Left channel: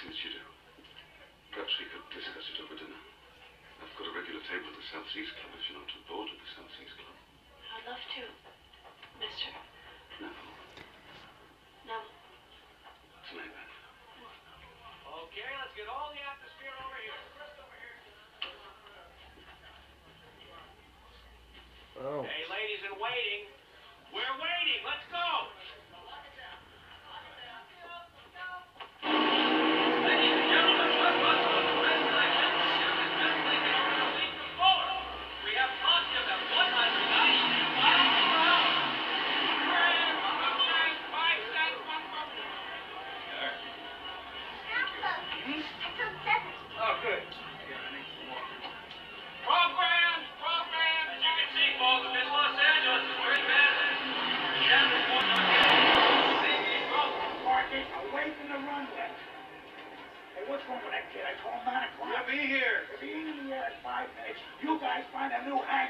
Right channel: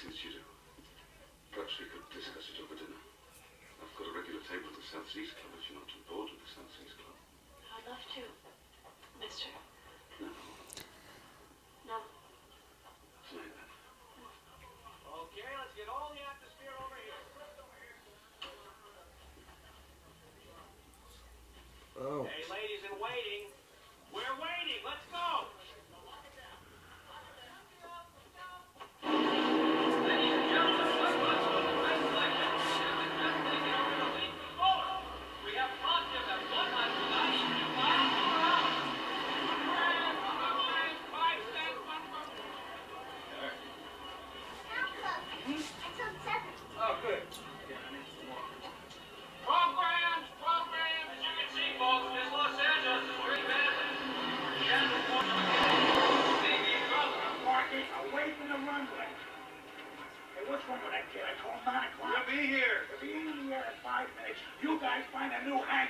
things you do. Perhaps we could discuss it over dinner. I've got a regular table at the South Seas Club if you're not too bored with the South Seas Club. I'd love to, mister. No. No. Tonight then. Okay, let's get all the atmosphere over here. Oh. Hey, ladies in waiting. We're waiting. Let's go. Ladies and gentlemen, let's go to the red selection. We have positive at 192 miles per hour. 5 cents, 1 Oh, good. Programs! As you can see, folks, Miss Los Angeles is pretty bad. Parking away from the runway. Hey, what's wrong with that kid? I told him 9 o'clock. We'll be here. He'll be in the air in 5 minutes. You guys find a new hang.